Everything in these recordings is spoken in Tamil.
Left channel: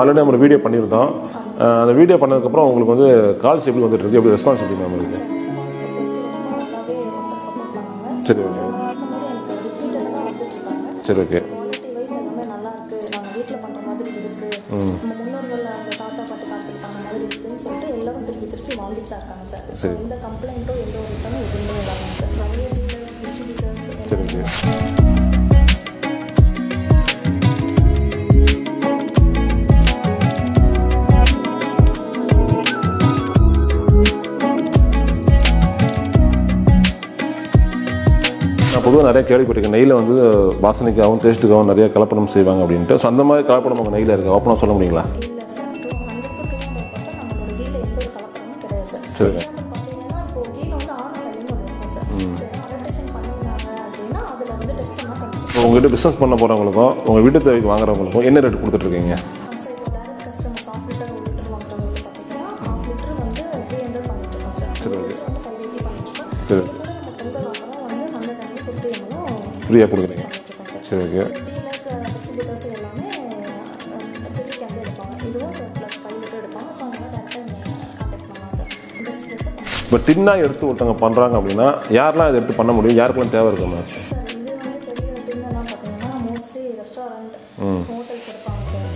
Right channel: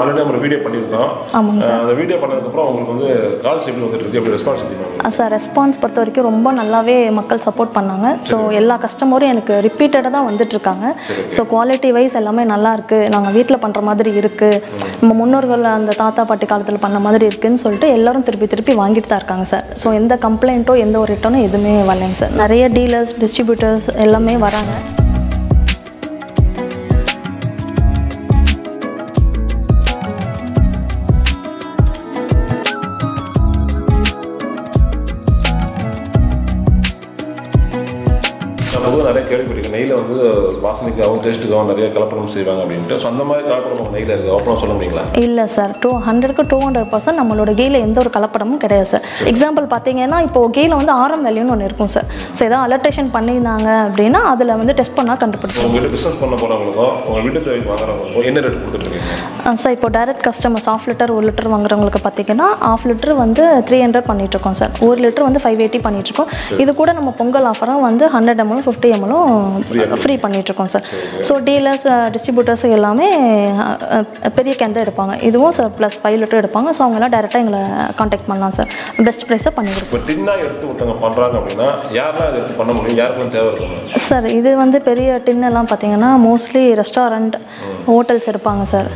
ஆல்ரெடி நம்ம வீடியோ பண்ணியிருந்தோம். அந்த வீடியோ பண்ணதுக்கப்புறம் உங்களுக்கு வந்து கால்ஸ் எப்படி வந்துட்டு இருக்கு, எப்படி ரெஸ்பான்ஸ் எப்படி சார்? ரெஸ்பான்ஸ் பொறுத்த வரைக்கும் ரொம்ப நல்லாவே மக்கள் சப்போர்ட் பண்ணாங்க. ஸோ எல்லா கஸ்டமரும் எனக்கு ரிப்பீட்டடாக தான் வந்துட்டு இருக்காங்க. ஸோ குவாலிட்டி வைஸ் எல்லாமே நல்லா இருக்கு, நாங்கள் வீட்டில் பண்ணுற மாதிரி இருக்கு, நம்ம முன்னோர்கள் அந்த தாத்தா பாட்டி காலத்தில் பண்ண மாதிரி இருக்குன்னு சொல்லிட்டு எல்லாரும் திருப்பி வாங்கிட்டு தான் இருக்காங்க சார். ஸோ எந்த கம்ப்ளைண்ட்டோ எந்த ஒரு ரிட்டர்னும் எதுவுமே வரலைங்க சார். நிறைய டீலர்ஸ் டிஸ்ட்ரிபியூட்டர்ஸ் எல்லாமே வராங்க. பொதுவாக நிறைய கேள்விப்பட்டிருக்கேன், நெய்யில் வந்து வாசனைக்காகவும் டேஸ்ட்டுக்காகவும் நிறைய கலப்படம் செய்வாங்க அப்படின்ட்டு. ஸோ அந்த மாதிரி கலப்படம் நம்ம நெய்யில் இருக்குது, ஓப்பனாக சொல்ல முடியுங்களா? இல்லை சார், 200% நம்மளோட கீயில் எந்த ஒரு கலப்படமும் கிடையாது சார். எக்ஸாம்பிள் பார்த்தீங்கன்னா இப்போ கீயில் வந்து ஆரம் வேல்யூன்னு ஒன்று இருக்கும் சார். ஸோ ஏதாவது அலர்டேஷன் பண்ணியிருந்தாங்க அப்படின்னா அதில் வந்து டெஸ்ட் பண்ணால் கண்டுபிடிக்கும். உங்கள்கிட்ட பிஸ்னஸ் பண்ண போகிறவங்களுக்கும் உங்கள் வீட்டு தேவைக்கு வாங்குறவங்களுக்கும் என்ன ரேட் கொடுத்துட்ருக்கீங்க சார்? இப்போ டைரக்ட் கஸ்டமர்ஸ் 1/2 லிட்டர் 1 லிட்டர் வாங்குறவங்களுக்கு பார்த்தீங்கன்னா 1/2 லிட்டர் வந்து 300 பண்ணிகிட்ருக்கோம் சார். 1 லிட்டர் வந்து 580 பண்ணிகிட்ருக்கோம். இது கூட நம்ம பொங்கல் ஆஃபராக வந்து 100 ml 50 ml ஃப்ரீ பண்ணிகிட்ருக்கோம் சார். ஸோ டீலர்ஸ் டிஸ்ட்ரிபியூட்டர்ஸ் எல்லாமே பெரிய கேன் தான் எடுப்பாங்க. இதுவும் சார் ப்ளஸ் 5 லிட்டர் எடுப்பாங்க. ஸோ அவங்களாம் டேரெக்டாக எங்களை காண்டாக்ட் பண்ணலாம் சார். பெஸ்ட் ப்ரைஸாக பண்ணிடுவோம். இப்போ டின்னாக எடுத்து ஒருத்தவங்க பண்ணுறாங்க அப்படின்னா யாரெல்லாம் இதை எடுத்து பண்ண முடியும், யாருக்கெல்லாம் தேவை இருக்கும் சார்? இது வந்து பெரிய டின்னெல்லாம் பார்த்தீங்கன்னா மோஸ்ட்லி ரெஸ்டாரண்ட் ஹோட்டல்ஸ் எடுப்பாங்க சார்.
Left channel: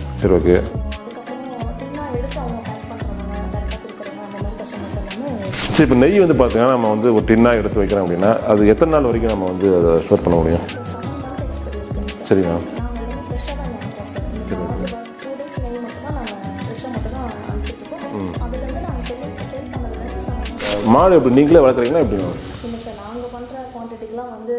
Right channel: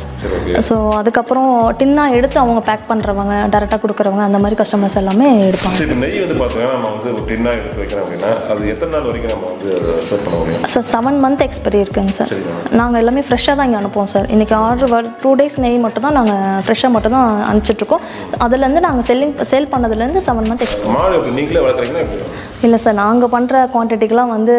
ஸோ அதுக்கப்புறம் டின்னாக எடுத்து அவங்க பேக் பண்ணுறவங்க, டேரெக்டாக கொடுக்குறவங்க, அந்த மாதிரி கஸ்டமர்ஸ் எல்லாமே எடுப்பாங்க. இப்போ நெய் வந்து பார்த்தீங்கன்னா நம்ம வந்து ஒரு டின்னாக எடுத்து வைக்கிறோம் அப்படின்னா அது எத்தனை நாள் வரைக்கும் நம்ம வந்து ஸ்டோர் பண்ண முடியும் சார்? 7 month எக்ஸ்பைரி இருக்குங்க சார். நாங்கள் எல்லாமே ஃப்ரெஷ்ஷாக தான் இங்கே அனுப்புவோம் சார். இன்றைக்கி ஆர்டர் 2 days நெய் மட்டும் தான் நாங்கள் ஃப்ரெஷ்ஷாக மட்டும் தான் அனுப்பிச்சிட்ருக்கோம். அதுலேருந்து நாங்கள் சேல் பண்ணதுலேருந்து 7 month மாடு எப்படி நீங்களே வளர்க்குறீங்களா எப்படி? இல்லை சார், நாங்கள் பண்ணுற குவான்டிட்டிக்கெலாம் வந்து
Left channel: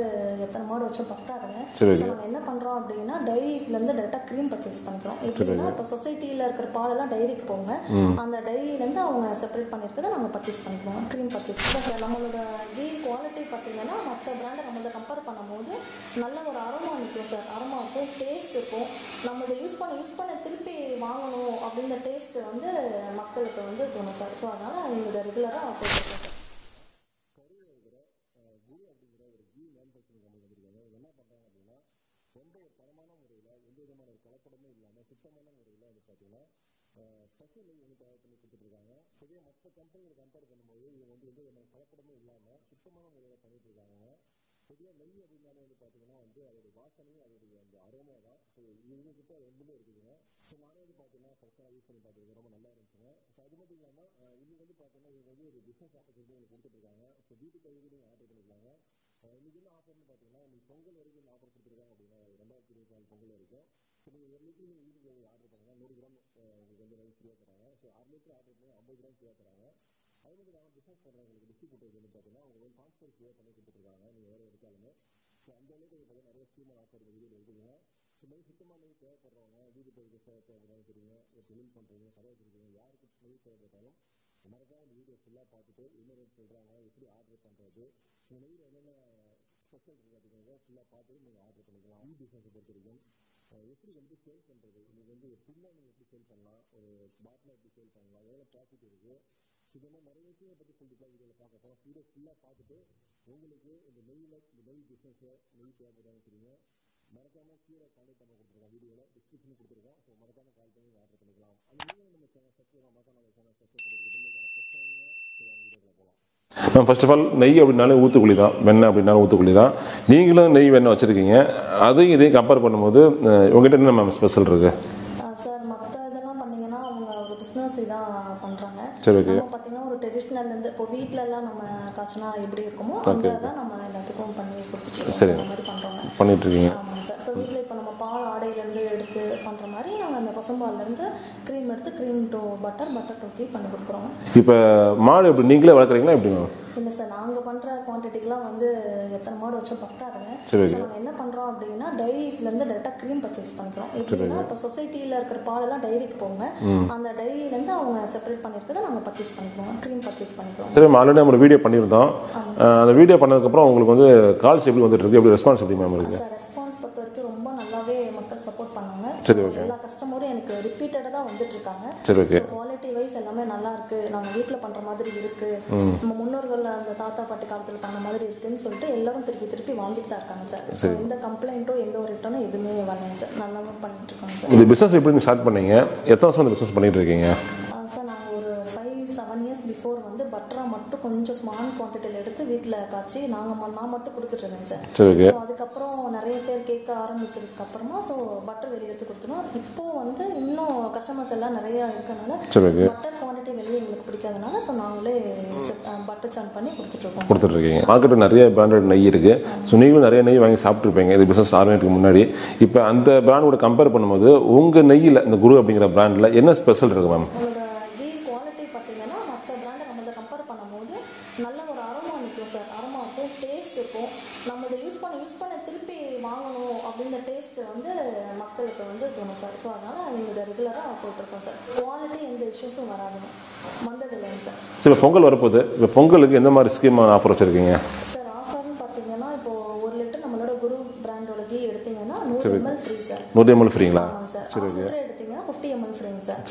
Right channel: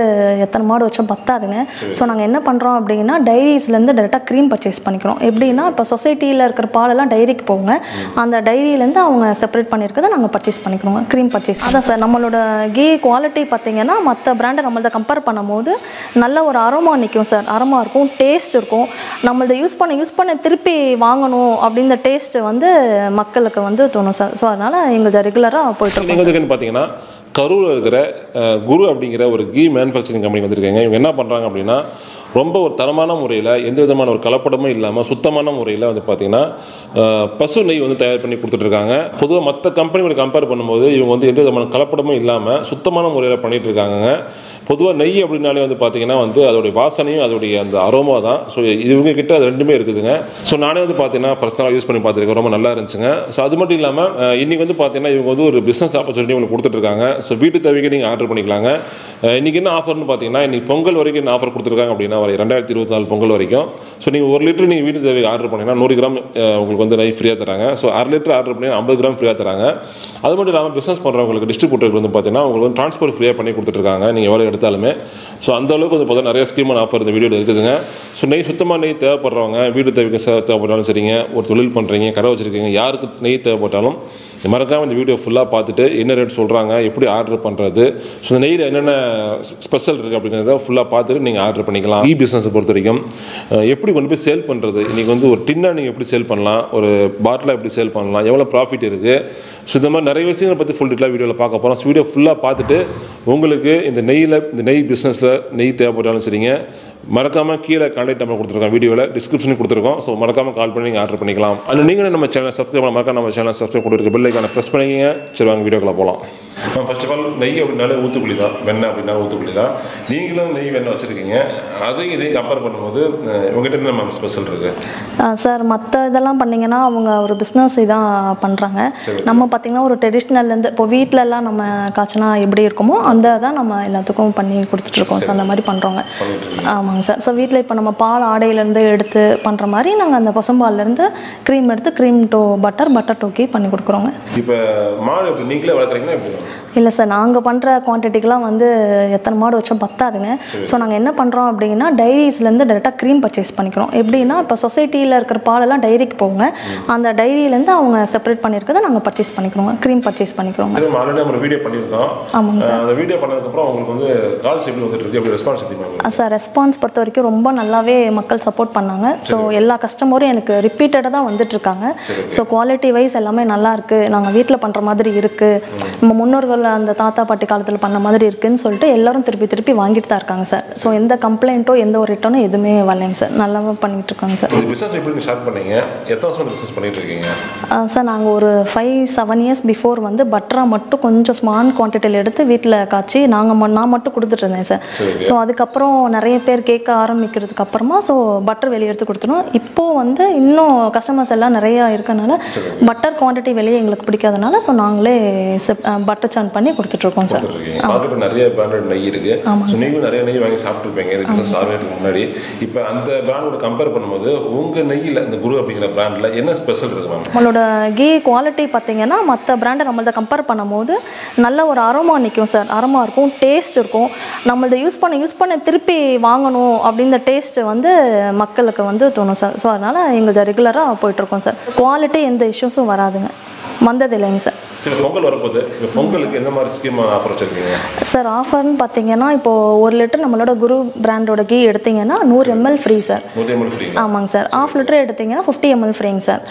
எத்தனை மாடு வச்சோம் பத்தாதுங்க. ஸோ நாங்கள் என்ன பண்ணுறோம் அப்படின்னா டைரிஸ்லேருந்து டேரெக்டாக க்ரீம் பர்ச்சேஸ் பண்ணிக்கிறோம். எப்படின்னா இப்போ சொசைட்டியில் இருக்கிற பாலெல்லாம் டைரிக்கு போங்க, அந்த டைரியிலேருந்து அவங்க செப்பரேட் பண்ணியிருக்கிறத நாங்கள் பர்ச்சேஸ் பண்ணிக்கிறோம், க்ரீம் பர்ச்சேஸ். அதான் சார், நம்மளோட கீ குவாலிட்டி பார்த்தீங்கன்னா மற்ற பிராண்டை நம்மள்ட்ட கம்பேர் பண்ணும்போது நல்ல ஒரு அரோமா நிற்கும் சார். அரோமா இருக்கும், டேஸ்ட் இருக்கும். நம்மள்ட்ட யூஸ் பண்ண திருப்பி வாங்கணும் அப்படின்ற டேஸ்ட்டு வந்து மக்களுக்கு வந்து தோணும் சார். ஸோ அதனால் எங்களுக்கு ரெகுலராக போயிட்டு இருக்கோம். பார்த்தீங்கன்னா கரூரில் இருக்கிற குரு அப்படிங்கிற ஒரு கீ மேனுஃபேக்சரிங் கம்பெனி வந்திருக்காங்க. இவங்க என்ன பண்ணுறாங்க அப்படின்னா ரொம்ப ஒரு தரமான முறையில் எந்த விதமான ஒரு கலப்படமும் இல்லாமல் சுத்தமான முறையில் வந்து பார்த்திங்கன்னா பசு நெய் வந்து தயார் பண்ணி கொடுத்துட்ருக்காங்க. பொதுவாக மற்ற கம்பெனிகளை கம்பேர் பண்ணும்போது இவங்க வந்து எந்த விதமான கலப்படமும் இல்லாமல் சுத்தமான முறையில் பண்ணிகிட்டு இருக்காங்க. பொதுவாக நெய் அப்படின்னாலே வந்து பார்த்திங்கன்னா வந்து அதோடைய வாசனையும் அதோடைய அந்த அரோமா தான். ஸோ இவங்க கிட்ட அது ரெண்டுமே இருக்குதுங்க. ஸோ நானே வந்து பார்த்தீங்கன்னா பர்சனலாக யூஸ் பண்ணி பார்த்துருக்கேன், ரொம்ப நல்லா இருந்துச்சுங்க. ஸோ அது மட்டும் இல்லாமல் இன்றைக்கி வந்து பார்த்தீங்கன்னா இவங்க வந்து ஒரு பிஸ்னஸ் ஆப்பர்ச்சுனிட்டி உங்களுக்கு கொடுத்துட்ருக்காங்க. ஸோ வீட்டு தேவைக்கு நீங்கள் ஆர்டர் பண்ணிக்கலாங்க. இன்றைக்கி என்ன ஆஃபர்னு பார்த்தீங்கன்னா இன்றைக்கி பொங்கல் வரைக்கும் என்ன ஆஃபர் கொடுத்துருக்காங்க அப்படின்னா வர 2024 பொங்கல் வரைக்கும். ஸோ நீங்கள் 1 லிட்டர் நீங்கள் வீட்டு தேவைக்கு ஆர்டர் பண்ணிங்கன்னா 100 கிராம் உங்களுக்கு வந்து நெய் ஃப்ரீயாக தராங்க. ஸோ 1/2 லிட்டர் ஆர்டர் பண்ணிங்கன்னா 50 கிராம் ஃப்ரீயாக தராங்க. அது மட்டும் இல்லாமல் பிஸ்னஸ் பண்ணுறவங்களுக்கு டிஸ்ட்ரிபியூட்டருக்கு வந்து பார்த்தீங்கன்னா உங்களுக்கு வந்து ட்ரான்ஸ்போர்ட் ஃப்ரீயாக பண்ணி கொடுத்துட்ருக்காங்க நீங்கள் எவ்வளோ எடுத்தாலுமே. ஸோ அந்த அளவுக்கு வந்து பார்த்தா நிறைய ஸ்கீமான ஆஃபர் இந்த வீடியோவில் இருக்குதுங்க. ஸோ நெய் சுத்தமாக நெய் தேவைப்படுறவங்க, வீட்டு தேவைக்கு தேவைப்பட்டாலும் சரிங்க, ஒரு தொழில் பண்ணுறீங்க, கடை வச்சுருக்கீங்க, யாருக்கு நெய் தேவைப்பட்டாலும் மறக்காமல் இந்த வீடியோ ஃபுல்லாக பார்த்துட்டு என்ன ரேட் சொல்கிறாங்க, எப்படி ஆர்டர் பண்ணுறது, ஸோ இந்த நெய்யில் என்னென்ன ஸ்பெஷல் இருக்குது அப்படிங்கிறத ஃபுல்லாக பார்த்துட்டு நீங்கள் ஆர்டர் பண்ணிக்கலாம். இ பிஸ்னஸை பொறுத்த வரைக்கும் எப்படி கொண்டு போய் சேல் பண்ணுறது, இன்றைக்கி வந்து ஒரு டின்னாக நீங்கள் எப்படி சேல் பண்ணலாம், ஒரு பாட்டிலாக எப்படி சேல் பண்ணலாம், எவ்வளோ ப்ராஃபிட் இருக்குது, ஸோ இந்த மாதிரி நிறைய விஷயங்களை பற்றி ஃபுல் டீட்டெயிலாக வீடியோவில் பார்க்க போகிறோம். வீடியோ ஃபுல்லாக பார்த்துட்டு உங்களுக்கு இந்த நெய் பிஸ்னஸில் நெய் தேவைப்பட்டாலும் சரிங்க, மறக்காமல் கீழே கான்டாக்ட் நம்பர் கொடுத்துருக்கோம், வீடியோவில் டிஸ்கிரிப்ஷனில் கொடுத்துருக்கோம். ஸோ மறக்காமல் கால் பண்ணி நீங்கள் ஆர்டர் பண்ணிக்கலாம். அண்ட் நீங்களும் நம்ம சேனல் சப்ஸ்கிரைப் பண்ண மறக்காம நம்ம சேனல் சப்ஸ்கிரைப் கொடுத்துருக்க பெல்லைக்கான ப்ரெஸ் பண்ணிங்க. சரி வாங்க வீடியோக்குள்ள போகலாம். ஃபர்ஸ்ட் ஆஃப் ஆல் நெய் அப்படின்னாலே ஊற்றுக்குழி தான், வெண்ணெய் அப்படின்னாலும் ஊற்றுக்குழி தான். நீங்களும் நெய் வெண்ணெய் வச்சுருக்கீங்க, அதையும் இதையும் கம்பேர் பண்ணும்போது உங்கள்கிட்ட என்ன நம்ம ஸ்பெஷல் இருக்குது சார்? மற்ற இதெல்லாம் பண்ணிங்கன்னா அவங்க ஒரு பிஸ்னஸ் இதான் பண்ணுறாங்க. நம்ம பார்த்திங்கன்னா ஒரு ட்ரெடிஷ்னல்லேருந்து இப்போ வீட்டிலலாம் நம்ம காய்ச்சினா எப்படி இருக்குமோ அந்த தான் நம்ம எல்லாத்துக்கும் பண்ணி கொடுத்துட்ருக்கோம். ஸோ அந்த மாதிரி பண்ணுறோங்க. ஆமாங்க சார். ஸோ வீட்டில் இப்போ நம்ம பால் ஆடையிலேருந்து எடுத்து பண்ணுற மாதிரி நாங்கள் அந்த பசும்பால்லேருந்து க்ரீம் எடுத்து க்ரீம் டு பட்டர் டோக்கி பண்ணி கொடுக்குறோங்க. இப்போ மாடு எப்படி நீங்களே வளர்க்குறீங்களா எப்படி? இல்லை சார், நாங்கள் பண்ணுற குவான்டிட்டிக்கெலாம் வந்து எத்தனை மாடு வச்சோம் பத்தாதுங்க. ஸோ நாங்கள் என்ன பண்ணுறோம் அப்படின்னா டைரிஸ்லேருந்து டேரெக்டாக க்ரீம் பர்ச்சேஸ் பண்ணிக்கிறோம். எப்படின்னா இப்போ சொசைட்டியில் இருக்கிற பாலெல்லாம் டைரிக்கு போங்க, அந்த டைரியிலேருந்து அவங்க செப்பரேட் பண்ணியிருக்கிறத நாங்கள் பர்ச்சேஸ் பண்ணிக்கிறோம், க்ரீம் பர்ச்சேஸ் பண்ணிக்கிறோம். ஆல்ரெடி நம்ம வீடியோ பண்ணியிருந்தோம். ஆமாங்க சார். அந்த வீடியோ பண்ணதுக்கப்புறம் உங்களுக்கு வந்து கால்ஸ் எப்படி வந்துட்டு இருக்கு, எப்படி ரெஸ்பான்ஸ் எப்படி? சார் ரெஸ்பான்ஸ் பொறுத்த வரைக்கும் ரொம்ப நல்லாவே மக்கள் சப்போர்ட் பண்ணாங்க. ஸோ எல்லா கஸ்டமரும் எனக்கு ரிப்பீட்டடாக தான் வந்துட்டு இருக்காங்க. ஸோ குவாலிட்டி வைஸ் எல்லாமே நல்லா இருக்கு, நாங்கள் வீட்டில் பண்ணுற மாதிரி இருக்கு, நம்ம முன்னோர்கள் அந்த தாத்தா பாட்டி காலத்தில் பண்ண மாதிரி இருக்குன்னு சொல்லிட்டு எல்லாரும் திருப்பி வாங்கிட்டு தான் இருக்காங்க சார். ஸோ எந்த கம்ப்ளைண்ட்டோ எந்த ஒரு ரிட்டர்னும் எதுவுமே வரலைங்க சார். நல்லா பண்ணிட்டு இருக்காங்க சார். இந்த பிஸ்னஸ் எப்படி ஸ்டார்ட் பண்ணீங்க? எத்தனை வருஷம் பிஸ்னஸ் பண்ணிட்டு இருக்கீங்க? சார் நாங்கள் ஒரு 5-7 இயர்ஸ் பிஃபோர் வந்து பட்டரா மட்டும் கொஞ்சம் ஸ்மால் குவான்டிட்டியில் எடுத்து வீட்டில் காய்ச்சி நான் மட்டும் கொடுத்துட்டு இருந்தேன் சார். ஸோ அதுக்கப்புறம் நிறைய பேர் கேட்க ஆரம்பிக்கிறதுக்கு அப்புறமா ஸோ பட்டர் வெளியே எடுத்து கொடுத்துரும். இப்போது வந்து இன்னும் கஸ்டமர்ஸ் எல்லாம் நிறையா இருக்கனால பட்டர் குவான்டிட்டி வெளியே எங்களுக்கு பிடிக்காதனால ஸோ நாங்களே பட்டர் சான் பண்ணி கொடுத்துட்ருக்கோம் சார். மார்க்கெட்டில் நிறைய பிராண்டட் நெய் இருக்கு. ஸோ நீங்களும் நிறைய நெய் வாங்கி சாப்பிட்ருப்பீங்க இது பிஸ்னஸ் ஆரம்பிக்கிறதுக்கு முன்னாடி. இப்போ அந்த பிராண்டோட கம்பேர் பண்ணும்போது உங்கள் நெய்யில் இந்த குரு அப்படிங்கிற பிராண்டில் என்ன ஸ்பெஷல் இருக்கு மேம்? நம்மளோட கீ குவாலிட்டி பார்த்தீங்கன்னா மற்ற பிராண்டை நம்மள்ட்ட கம்பேர் பண்ணும்போது நல்ல ஒரு அரோமா நிற்கும் சார். அரோமா இருக்கும், டேஸ்ட் இருக்கும். நம்மள்ட்ட யூஸ் பண்ண திருப்பி வாங்கணும் அப்படின்ற டேஸ்ட் வந்து மக்களுக்கு வந்து தோணும் சார். ஸோ அதனால் எங்களுக்கு ரெகுலராக போயிட்டுருக்கோம் சார். குவாலிட்டி எந்த இஷ்யூஸும் வராதுங்க, வந்தது இல்லைங்க சார். சில பொங்கல் வரப்போகுது, இப்போ பொங்கலுக்கு எந்த மாதிரி ஸ்கீம் ஆஃபர் வச்சுருக்கீங்க சார்? ஆஃபர்னு பார்த்தீங்கன்னா இப்போது 1 லிட்டர் நம்மளோட குரு பிராண்டோட கீ எடுத்தீங்கன்னா 100 ml free sir. 100 ml free? ஆமாங்க சார். 1/2 லிட்டர் எடுத்தீங்கன்னா 50 ml ஃப்ரீங்க சார்.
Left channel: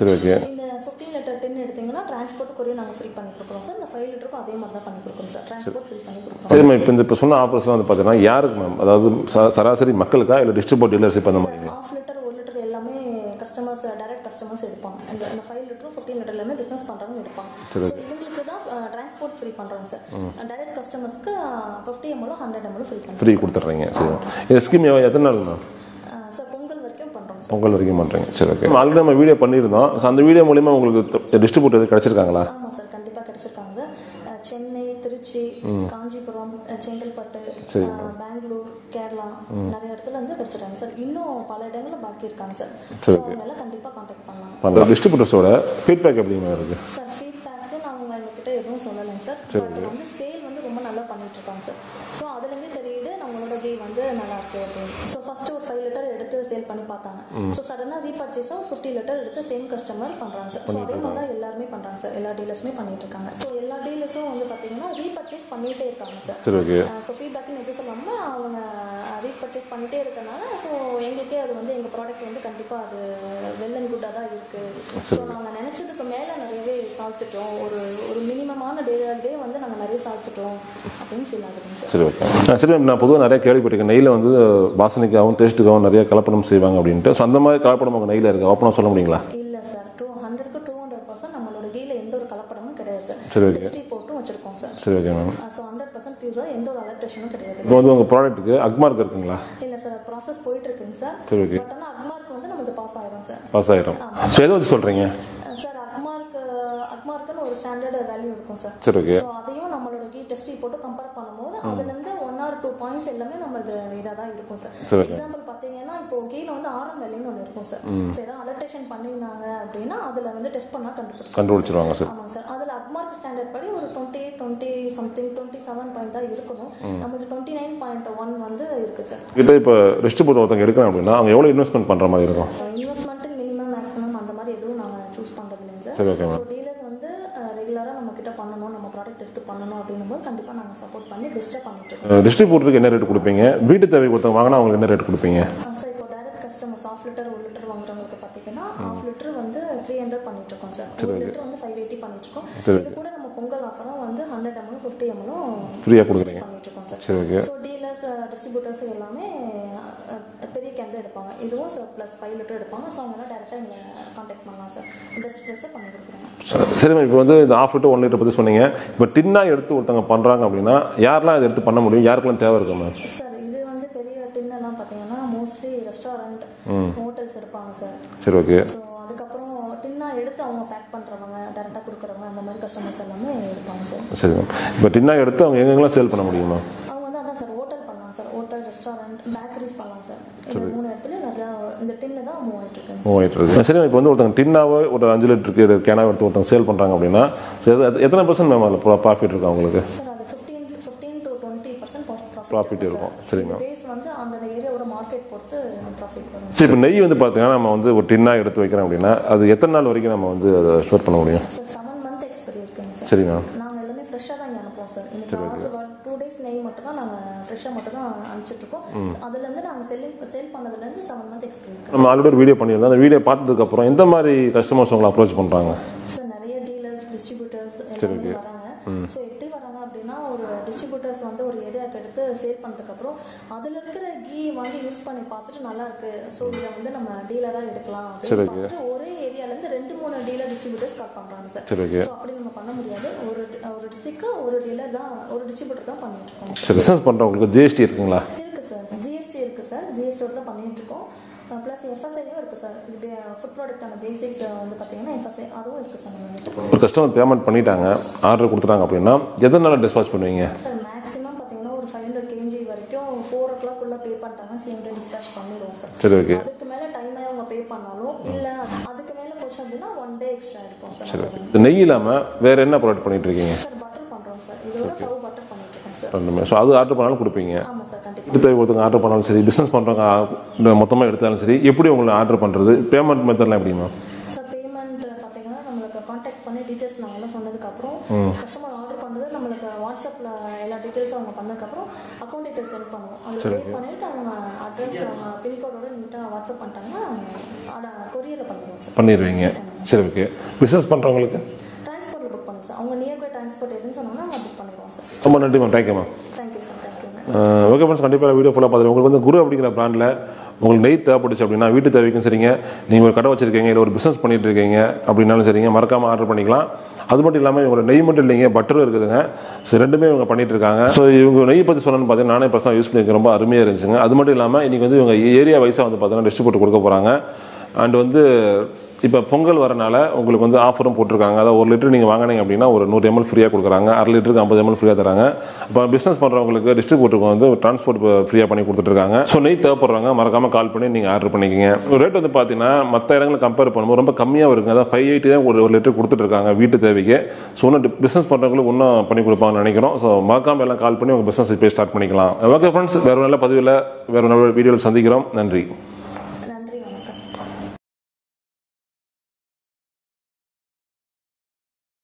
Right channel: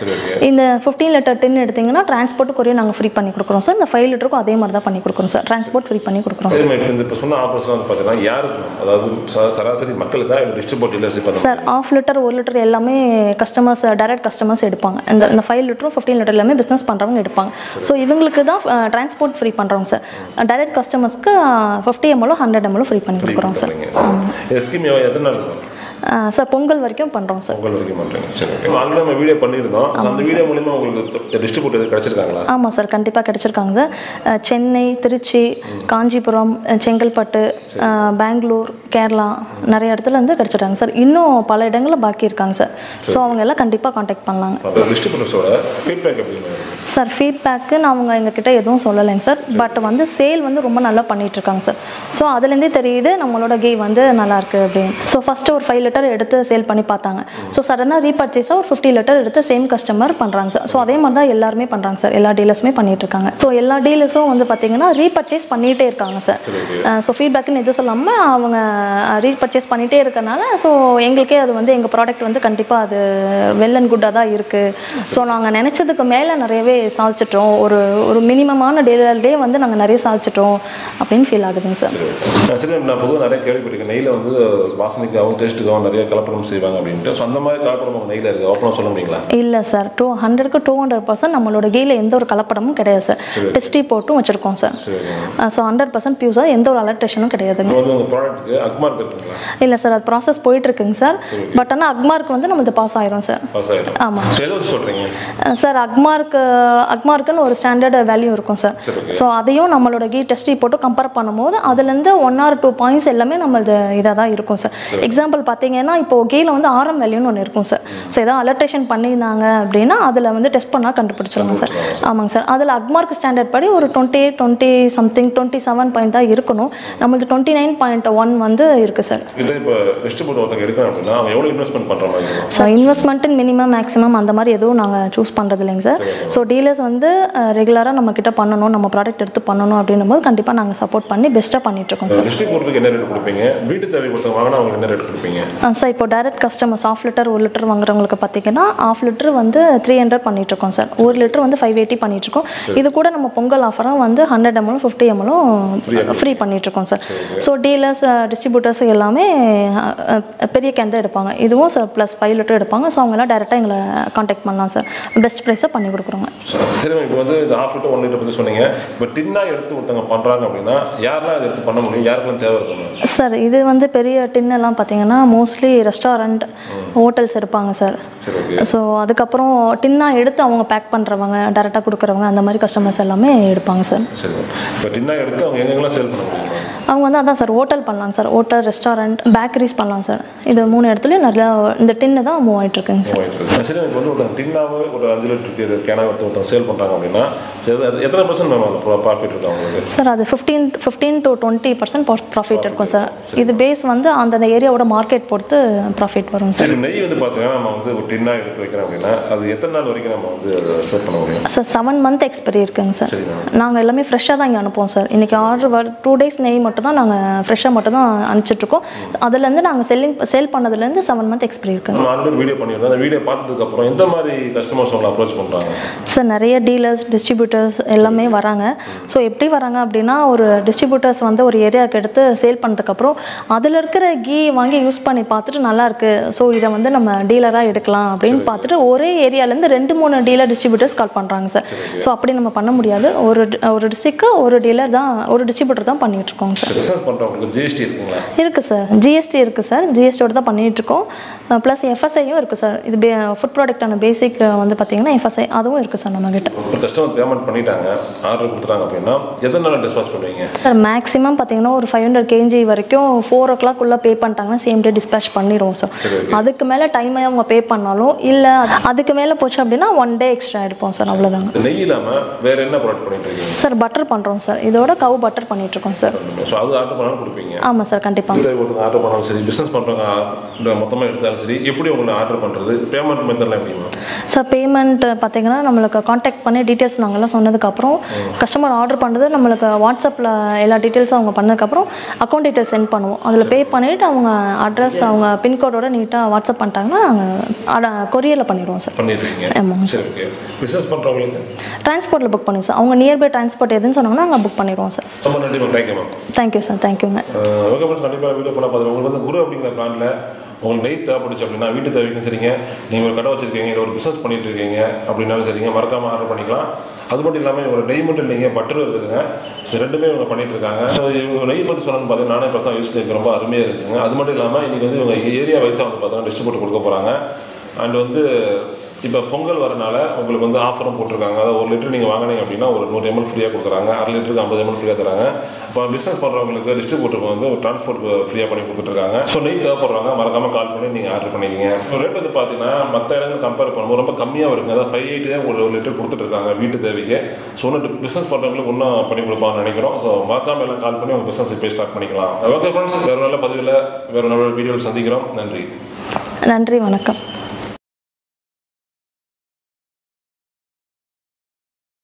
இந்த 15 லிட்டர் டின் எடுத்தீங்கன்னா டிரான்ஸ்போர்ட் கொரியர் நாங்கள் ஃப்ரீ பண்ணி கொடுக்குறோம் சார். இந்த 5 லிட்டருக்கும் அதே மாதிரி தான் பண்ணி கொடுக்குறோம் சார். டிரான்ஸ்போர்ட் ஃப்ரீ பண்ணி கொடுக்குறோம் சார். இப்போ சொன்ன ஆஃபர்ஸ்லாம் வந்து பார்த்தீங்கன்னா யாருக்கு மேம்? அதாவது சராசரி மக்களுக்கா இல்லை டிஸ்ட்ரிபியூட் டீலர்ஷிப் பண்ண சார்? 1/2 லிட்டர் 1 லிட்டர் எல்லாமே கஸ்டமர்ஸ் டைரக்ட் கஸ்டமர்ஸ் எடுப்பாங்க. இந்த 5 லிட்டரும் 15 லிட்டர் எல்லாமே பிஸ்னஸ் பண்ணுறவங்க எடுப்பாங்க. ஸோ இவங்களுக்கு தான் டிரான்ஸ்போர்ட் ஃப்ரீ பண்ணுறோங்க சார். டைரக்ட் கஸ்டமர்ஸ்க்கு 50 ml 100 ml ஃப்ரீ பண்ணி கொடுக்குறோம் சார். இந்த ஸ்கீம் எத்தனை நாள் சார்? பொங்கல் வரைக்கும் பண்ணுறோம் சார். பொங்கல் வரைக்கும் பண்ணுறீங்க. சரி, ஓகே. ஆல்ரெடி நம்ம வீடியோ பண்ணியிருந்தோம். அந்த வீடியோ மூலமா உங்களுக்கு டிஸ்ட்ரிபியூட்டர் கிடைச்சிருக்காங்களா? ஆமாம் சார், கண்டிப்பாக கிடைச்சிருக்காங்க சார். சென்னை, திருச்சி, காஞ்சிபுரம், செங்கல்பட்டு, பெங்களூர், கேரளா நிறைய இடத்துல வந்து கிடைச்சிருக்காங்க சார். இன்னும் பல இடங்களில் பாக்கி இருக்காங்க சார். ஸோ அவங்க எல்லாம் கண்டிப்பாக காண்டாக்ட் பண்ணலாங்க. டிஸ்ட்ரிபியூட்டர்ஸோட ஃபீட்பேக் எப்படிங்க இருக்கு சார்? ஃபீட்பேக்குன்னு அவங்க எங்ககிட்ட எதுவும் சொல்லலைங்க சார். பட் வந்து சேல் வந்து ரொம்ப நல்லா பண்ணிட்டு இருக்காங்க சார். ஸோ அதுலேருந்தே தெரியுது நம்மளோட கீ வந்து நல்லா இருக்கு அப்படின்னு. ஸோ ஃபர்ஸ்ட் ஒரு 5 லிட்டர் எடுத்து சேல் பண்ணி பார்த்தாங்க. ஸோ சடனாக ரீபர்ச்சேஸாக ஒரு 50 லிட்டர் எடுத்து சேம் கஸ்டமர் பண்ணுறாங்க சார். ஸோ அதே மாதிரி தான் எல்லாருமே பண்ணுறாங்க சார். எல்லா டீலர்ஸுமே பண்ணிட்டு இருக்காங்க. ஸோ எல்லா டீலர்ஸும் வந்து பார்த்தீங்கன்னா ரீபர்ச்சேஸ் பண்ணிகிட்டே இருக்காங்க சார். ஸோ ஃபீட்பேக்குன்னு எதுவும் சொல்லாமல் அவங்க ரீபர்ச்சேஸ் பண்ணிகிட்டே இருக்கனால ஸோ எங்களுக்கே அது வந்து எங்கள் ப்ராடக்ட் வந்து கண்டிப்பாக அது வெல் அண்ட் குட்டாக தான் இருக்குது. ஸோ நாங்கள் நினச்சதுக்கு மேலே நிறையவே சாதிச்சிட்டோம். ஒரு மினிமமான டே வந்து நாங்கள் நிறைய சாதிச்சிட்டோம் அப்படின்னு ஃபீல் ஆகுதுங்க சார். சரி மேம், நான் பொதுவாக நிறைய கேள்விப்பட்டிருக்கேன் நெய்யில் வந்து வாசனைக்காகவும் டேஸ்ட்டுக்காகவும் நிறைய கலப்படம் செய்வாங்க அப்படின்ட்டு. ஸோ அந்த மாதிரி கலப்படம் உங்கள் நெய்யில் இருக்குது, ஓப்பனாக சொல்ல முடியுங்களா? இல்லை சார், 100க்கு 200% நம்மளோட கீயில் எந்த ஒரு கலப்படமும் கிடையாது சார். டெஸ்டி போட்டும் வச்சுருக்கோம் சார். ஸோ 100% பியூஸாக எந்த ஒரு அலர்டேஷனும் கிடையாதுங்க. வந்து உங்கள் ப்ராடக்ட்டுக்கு அக்மார்க் இருக்குங்களா? இல்லை சார், அது ப்ராசஸ் போயிட்டு இருக்குங்க சார். பட் ஆனால் அக்மார்க் வந்து நம்மளுக்கு பாஸ் ஆயிரும் சார். பாஸ் ஆயிரும். ஆமாம். ஸோ எது சொல்கிறீங்க சார்? அக்மார்க்குன்னு ஒரு ஸ்டாண்டர்ட் வேல்யூ இருக்கும் சார். ஸோ அதையும் நம்மளோட கீ டெஸ்டி போட்டு கம்பேர் பண்ணும்போது அதுலேருந்து 1 or 2 பாயிண்ட்ஸ் எல்லாமே நம்மளது இதாக தான் இருக்கும் சார். எக்ஸாம்பிள் பார்த்தீங்கன்னா இப்போ கீழே வந்து ஆரம் வேல்யூன்னு ஒன்று இருக்கும் சார். ஸோ ஏதாவது அலர்டேஷன் பண்ணியிருந்தாங்க அப்படின்னா அதில் வந்து டெஸ்ட் பண்ணால் கண்டுபிடிச்சிருவாங்க சார். ஆமாங்க சார். அதில் அக்மார்க் ஸ்டாண்டர்ட் படி ஒரு 20 சம்திங் 27 பாயிண்ட் தான் இருக்கணும். நம்மளுக்கு 29.1 வந்து இருக்கு சார். இப்போ டிஸ்ட்ரிபியூட்டர் ஒருத்தங்க எடுக்கணும் அப்படின்னா அவங்க எவ்வளோ இன்வெஸ்ட்மெண்ட் பண்ணுற மாதிரி இருக்கும் சார்? இன்வெஸ்ட்மெண்ட் மினிமம் மேக்ஸிமம் அந்த மாதிரி எதுவும் நாங்கள் சூஸ் பண்ணுறது இல்லைங்க சார். ஸோ டீலர்ஸ் வந்து ரெகுலராக நம்ம கிட்ட பண்ணணும், நம்ம ப்ராடக்ட் எடுத்து பண்ணணும் அப்படின்னும் போது கண்டிப்பாக நாங்கள் சப்போர்ட் பண்ணி பெஸ்ட்டாக பண்ணிட்டு இருக்கோம் சார். டிஸ்ட்ரிபியூட்டருக்கு என்ன ரேட் கொடுப்பீங்க? வீட்டு தேவை கொடுத்தவங்க வாங்கினா அவங்களுக்கு என்ன ரேட் கொடுப்பீங்க சார்? இப்போ டைரக்ட் கஸ்டமர்ஸ் 1/2 லிட்டர் 1 லிட்டர் வாங்குறவங்களுக்கு பார்த்தீங்கன்னா 1/2 லிட்டர் வந்து 300 பண்ணிட்டு இருக்கோம் சார். 1 லிட்டர் வந்து 580 பண்ணிட்டு இருக்கோம். இது கூட நம்ம பொங்கல் ஆஃபராக வந்து 100 ml 50 ml ஃப்ரீ பண்ணிட்டு இருக்கோம் சார். ஸோ டீலர்ஸ் டிஸ்ட்ரிபியூட்டர்ஸ் எல்லாமே பெரிய கேன் தான் எடுப்பாங்க. இதுவும் சார் ப்ளஸ் 5 லிட்டர் எடுப்பாங்க. ஸோ அவங்களாம் டேரெக்டாக எங்களை காண்டாக்ட் பண்ணலாம் சார். பெஸ்ட் ப்ரைஸாக பண்ணி கொடுக்குறோங்க. சரி, இப்போ வந்து இந்த 1/2 லிட்டர் 1 லிட்டர் பற்றி சொன்னீங்க. இப்போ டின்னா எடுத்து ஒருத்தவங்க பண்ணுறாங்க அப்படின்னா யாரெல்லாம் இதை எடுத்து பண்ண முடியும்? யாருக்கெல்லாம் தேவை இருக்கும் சார்? இது வந்து பெரிய டின்னெல்லாம் பார்த்தீங்கன்னா மோஸ்ட்லி ரெஸ்டாரண்ட், ஹோட்டல்ஸ் எடுப்பாங்க சார். ஸோ அதுக்கப்புறம் டின்னா எடுத்து அவங்க பேக் பண்ணுறவங்க, டேரெக்டாக கொடுக்குறவங்க, அந்த மாதிரி கஸ்டமர்ஸ் எல்லாமே எடுப்பாங்க சார். சரி, இப்போ டின்னா எடுத்து அவங்க எங்கெங்கெல்லாம் சேல் பண்ண முடியும்? அவங்க வந்து அதான் சார், ஹோட்டல் பண்ணலாம் சார். ஹோட்டல், ரெஸ்டாரண்ட், பேக்கரிஸ் பண்ணலாம் சார். இது 3 இடத்துலையும் நிறையா இந்த டின்னு தான் மூவ் ஆகிட்டு இருக்குங்க சார். சரி, இப்போ வந்து ஒருத்தங்க டின்னாவே ஒரு 5 லிட்டருக்கு கேனாக எடுத்து ஒருத்தங்க சேல் பண்ணுறாங்க அப்படின்னா எத்தனை % மேம் ப்ராஃபிட் இருக்கும் அவங்களுக்கு? சார் அது 15 to 20% ப்ராஃபிட் இருக்கும் சார். இது பேஸ் வந்து அந்த ஏரியாவோட மார்க்கெட் பொறுத்து ப்ராஃபிட் வரும் சார். இப்போ நெய் வந்து பார்த்தீங்கன்னா நம்ம வந்து ஒரு டின்னா எடுத்து வைக்கிறோம் அப்படின்னா அது எத்தனை நாள் வரைக்கும் நம்ம வந்து அதை ஸ்டோர் பண்ண முடியும் சார்? 7 month எக்ஸ்பைரி இருக்குங்க சார். சரி மேம். நாங்கள் எல்லாமே ஃப்ரெஷ்ஷாக தான் இங்கே அனுப்புவோம் சார். இன்றைக்கி ஆர்டர் 2 days நெய் மட்டும் மட்டும் தான் நாங்கள் ஃப்ரெஷ்ஷாக மட்டும் தான் அனுப்பிச்சிட்ருக்கோம். அதுலேருந்து நாங்கள் சேல் பண்ணதுலேருந்து 7 மந்த் எக்ஸ்பீரி இருக்குது. நம்ம ஆல்ரெடி ஒரு வீடியோ பண்ணியிருந்தோம். அந்த வீடியோ பார்த்ததுக்கப்புறம் எந்த மாதிரி கஸ்டமர்ஸ் உங்களை அப்ரோச் பண்ணுறாங்க? சார் நிறைய டீலர்ஸ், டிஸ்ட்ரிபியூட்டர்ஸ் எல்லாமே வராங்க. ஸோ எப்படி வராங்க அப்படின்னா, ஒரு டிஸ்ட்ரிபியூட்டர்ஸ் வந்து ஒரு ஏரியாவுக்கு எடுத்து சேல் பண்ணதுக்கப்புறம் அதில் இருக்கிற கீ வாங்கி யூஸ் பண்ணி பார்த்துட்டு நல்லாயிருக்கு, ஸோ இதை வந்து நம்ம டீலராக எடுக்கலாம் அப்படின்னு பார்த்துட்டு ஒரே ஏரியாலேருந்து 2-3 டீலர் டிஸ்ட்ரிபியூட்டர்ஸ் கால் பண்ணுறாங்க சார். ஸோ அப்படி நம்ம பண்ண முடியாது. ஒரு டிஸ்ட்ரிக்ட்க்கு ஒரு டீலர் தான், ஒரு டிஸ்ட்ரிபியூட்டர் தான் பண்ணிட்டு இருக்கோம் சார். பிசினஸ் பண்ணுறவங்களுக்கு ஜிஎஸ்டி இருக்குங்களா? இருக்குது சார், ஜிஎஸ்டி இருக்குது சார். ஜிஎஸ்டியோட தான் பண்ணிட்டு இருக்கோம். ப்ளஸ் எஃப்எஸ்ஐயும் இருக்குது சார். இது ஃபுட் ப்ராடக்டான பேசிக் வந்து பார்த்தீங்கன்னா எஃப்எஸ்ஐ அதுவும் இருக்குது சார் நம்மகிட்ட. ஒரு கஸ்டமர் பேமெண்ட் பண்ணிட்டாங்க, ஆர்டர் கொடுத்துட்டாங்க அப்படின்னா எதனால டிஸ்பாச் பண்ணுவீங்க சார்? மேக்ஸிமம் பார்த்தீங்கன்னா ஒரு 500 kg வரைக்கும் 4 o'clock பே பண்ணிட்டாங்கன்னா சேம் டே டிஸ்பேச் பண்ணிடுவோம் சார். அதுக்கு மேலே டைமை அவங்க பே பண்ணாலும் இல்லை அதுக்கு மேலே போச்சு அப்படின்னா 1 day எக்ஸ்ட்ரா எடுப்போம் சார். அவ்வளோதாங்க. நெய் இல்லாமல் வேற என்ன ப்ராடக்ட் பண்ணிட்டு இருக்கீங்க சார்? பட்டர் பண்ணுறோம் சார். இதோட கவு பட்டர் பண்ணிட்டு இருக்கோம் சார். ஸோ அது ஆர்டர் பண்ணாலும் கொடுப்பீங்க? ஆமாம் சார், கண்டிப்பாக. ஒருத்தங்க ஆர்டர் பண்ணாலும் சரி, பிஸ்னஸ் பண்ணுறவங்க மொத்தமாக எடுத்தாலும் சரி, எப்படி உங்களை ஆர்டர் பண்ணுறது? பேமெண்ட் மெத்தட்லாம் எப்படிமா சார்? பேமெண்ட் பார்த்தீங்கன்னா நம்மளுக்கு காண்டாக்ட் பண்ணி டீட்டெயில்ஸ் நாங்கள்லாம் சொன்னதுக்கப்புறம் கஸ்டமர் ஆர்டர் பண்ணுறது நம்மளுக்கு வாட்ஸ்அப்பில் எல்லா டீட்டெயில்ஸும் அவங்க பண்ணதுக்கப்புறம் அக்கௌண்ட் டீட்டெயில்ஸ் சென்ட் பண்ணுவோம். அதில் பே பண்ணிவிட்டு அவங்க அட்ரஸ், அவங்க பின்கோடோட நீட்டாக வாட்ஸ்அப் பண்ணிட்டாங்கன்னா நாங்கள் கொரியரில் பண்ணிடுவோம் சார். பண்ணிடுவீங்க? ஆமாம். சரி, ஓகே. பிஸ்னஸ் பண்ணுறவங்களுக்கு டிரான்ஸ்போர்ட்டில் புக் பண்ணுவோம் சார். அவங்க நியர்பை டிரான்ஸ்போர்ட் எதுன்னு சொன்னாங்கன்னா நாங்கள் புக் பண்ணிடுவோம் சார். ரொம்ப நன்றி ma'am. Thank you ma'am. Thank you sir. தேங்க்யூங்க. ஓகே ஃப்ரெண்ட்ஸ், கண்டிப்பாக வீடியோ ஃபுல்லாக பார்த்துருவோம். உங்களுக்கு வந்து குரு அப்படிங்கிற பிராண்டில் உங்களுக்கு நெய் தேவைப்பட்டுச்சு அப்படின்னா, வீட்டு தேவைக்கும் சரிங்க, நீங்கள் ஒரு கடை வச்சிருக்கீங்க, இல்லை ஒரு பிஸ்னஸ் பண்ணிட்டு இருக்கீங்க அப்படின்னாலும் சரிங்க, மறக்காமல் ஆர்டர் பண்ணிக்கலாம். அது மட்டும் இல்லாமல் இவங்க நெய் மட்டும் இல்லைங்க, பட்டரும் இருக்குதுங்க. ஸோ ரெண்டுமே இவங்க பண்ணிட்டு இருக்காங்க. ஸோ இவங்க நெய் பற்றி சொன்னோன்னு பார்த்தீங்கன்னா நானே பர்சனலாக யூஸ் பண்ணியிருக்கேன், ரொம்ப அருமையாக இருந்துச்சுங்க. அது மட்டும் இல்லாமல் இன்றைக்கி வந்து இவங்க ஏரியா வைஸாக வந்து பார்த்தீங்கன்னா டிஸ்ட்ரிபியூட்டர் கொடுக்க போகிறாங்க. அண்ட் வந்து இப்போ பொங்கல் வரனால உங்களுக்கு வந்து ஆஃபரும் போட்டிருக்காங்க. அதாவது 1 லிட்டர் நீங்கள் வாங்கினீங்க அப்படின்னா ஒரு 100 ml ஃப்ரீயாக கொடுக்குறாங்க, 1/2 லிட்டருக்கு 50 ml ஃப்ரீயாக தராங்க. இப்போ பிஸ்னஸ் பண்ணுறவங்களுக்கு டிஸ்ட்ரிபியூட்டருக்கு வந்து ஒரு டிரான்ஸ்போர்ட் ஃப்ரீயாக பண்ணி கொடுத்துட்ருக்காங்க. ஸோ நெய் தேவைப்படுறவங்க மறக்காமல் கால் பண்ணி நீங்கள் ஆர்டர் பண்ணிக்கிங்க. ரேட் வந்து பார்த்தீங்கன்னா மற்ற இடங்களை கம்பேர் பண்ணும்போது ரொம்ப கம்மியாக இருக்குங்க. அதாவது 580 தான் ஒரு லிட்டர் கொடுத்துட்ருக்காங்க வீட்டு தேவைக்கு. ஸோ ஒன்று பிஸ்னஸ் பண்ணுறவங்களுக்கு இன்னும் பண்ணி கொடுப்பாங்கன்னு நினைக்கிறோம். ஸோ மறக்காமல் எல்லாம் கால் பண்ணி உங்கள் பிஸ்னஸ் இப்போ ஸ்டார்ட் பண்ணிக்கலாம். ஓகே ஃப்ரெண்ட்ஸ், வேறு நல்ல பதிவில் வேறு நல்ல வீடியோவில் சந்திக்கிறோம். நன்றி. நன்றி, வணக்கம்.